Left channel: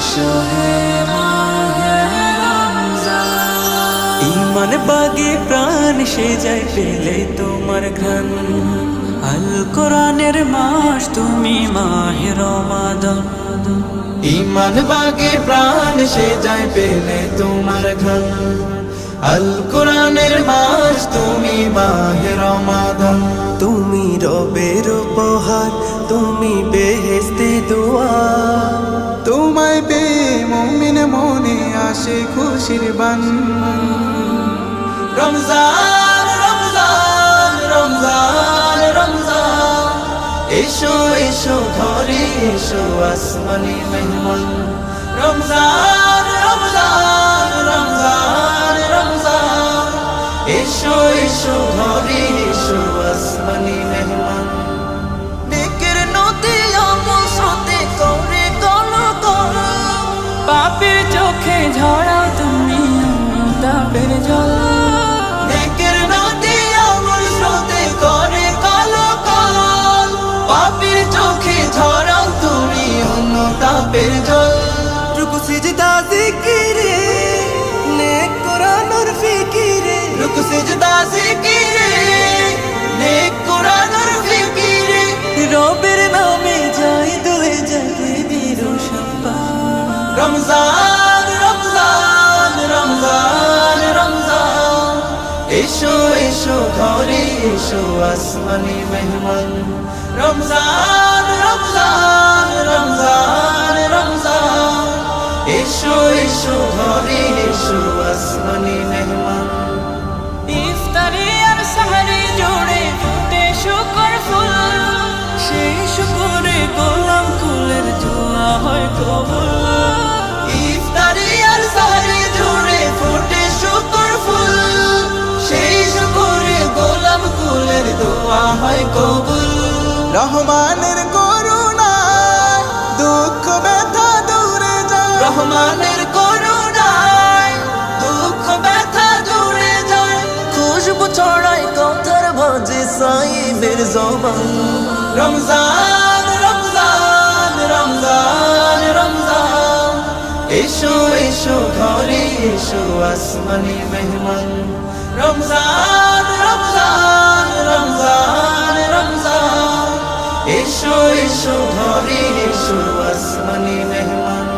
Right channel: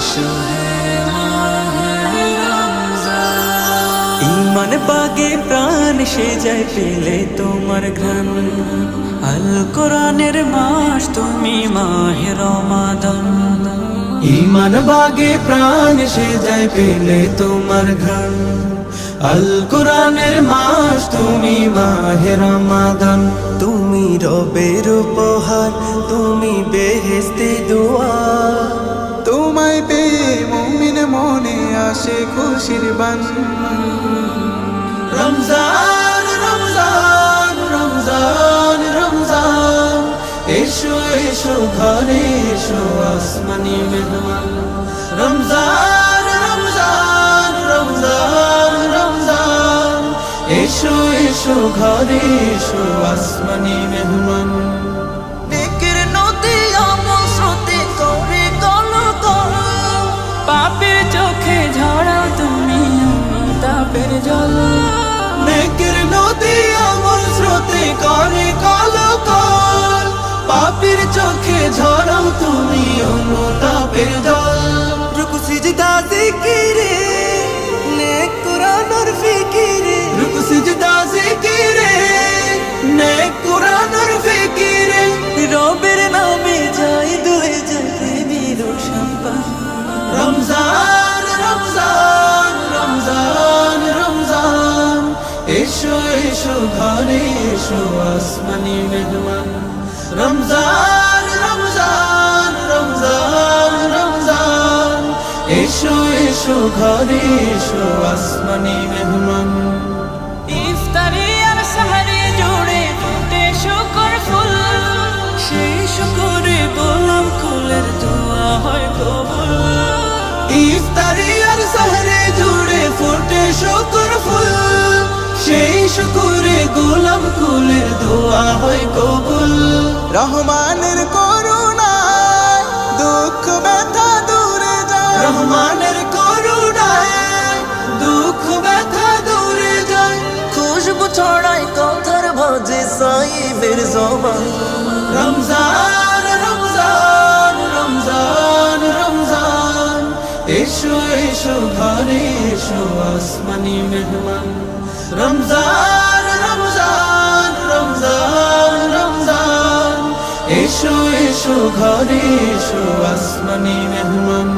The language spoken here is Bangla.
এসো হে মাহে রমজান। ইমান বাগে প্রাণ সে যায় পেলে তোমার ঘ্রাণ, আল কোরআনের মাস তুমি মাহে রমাদান। ইমান বাগে প্রাণ সে যায় পেলে তোমার ঘ্রাণ, আল কোরআনের মাস তুমি মাহে রমাদান। তুমি রবের উপহার, তুমি বেহেশতি দুয়ার, তোমায় পেয়ে মুমিন মনে আসে খুশির বান। রমজান রমজান রমজান রমজান, এসো এসো ঘরে এসো আসমানি মেহমান। রমজান রমজান রমজান রমজান, এসো এসো ঘরে এসো আসমানি মেহমান। নেকের নদী আমল স্রোতে করে কলকল, পাপের চোখে ঝরাও তুমি অনুতাপের জল। নেকের নদী আমল স্রোতে করে কলকল, পাপের চোখে ঝরাও তুমি অনুতাপের জল। রুকু সিজদা জিকিরে, নেক কোরআনের ফিকিরে, রুকু সিজদা জিকিরে, নেক কোরআনের ফিকিরে। রবের নামে যাই দুলে যায় প্রেমের সম্পান। রমজান রমজান রমজান রমজান, এসো এসো ঘরে এসো আসমানি মেহমান। রমজান রমজান রমজান রমজান, এসো এসো ঘরে এসো আসমানি মেহমান। ইফতারি আর সাহারি জুড়ে ফুটে শুকর ফুল, সেই শুকরে গোলাম কুলের দোয়া হয় কবুল। ইফতারি আর সাহরি জুড়ে ফুটে শুকর ফুল, সেই শুকরে গোলাম কুলের দোয়া হয় কবুল। রহমানের করুণায় দুঃখ ব্যথা দূরে যায়, রহমানের করুণায় দুঃখ ব্যথা দূরে যায়। খুশবু ছড়ায় কথার ভাজে সাইবের জবান। রমজান রমজান রমজান রমজান, এসো এসো ঘরে এসো আসমানি মেহমান। রমজান রমজান রমজান রমজান, এসো এসো ঘরে এসো আসমানি মেহমান।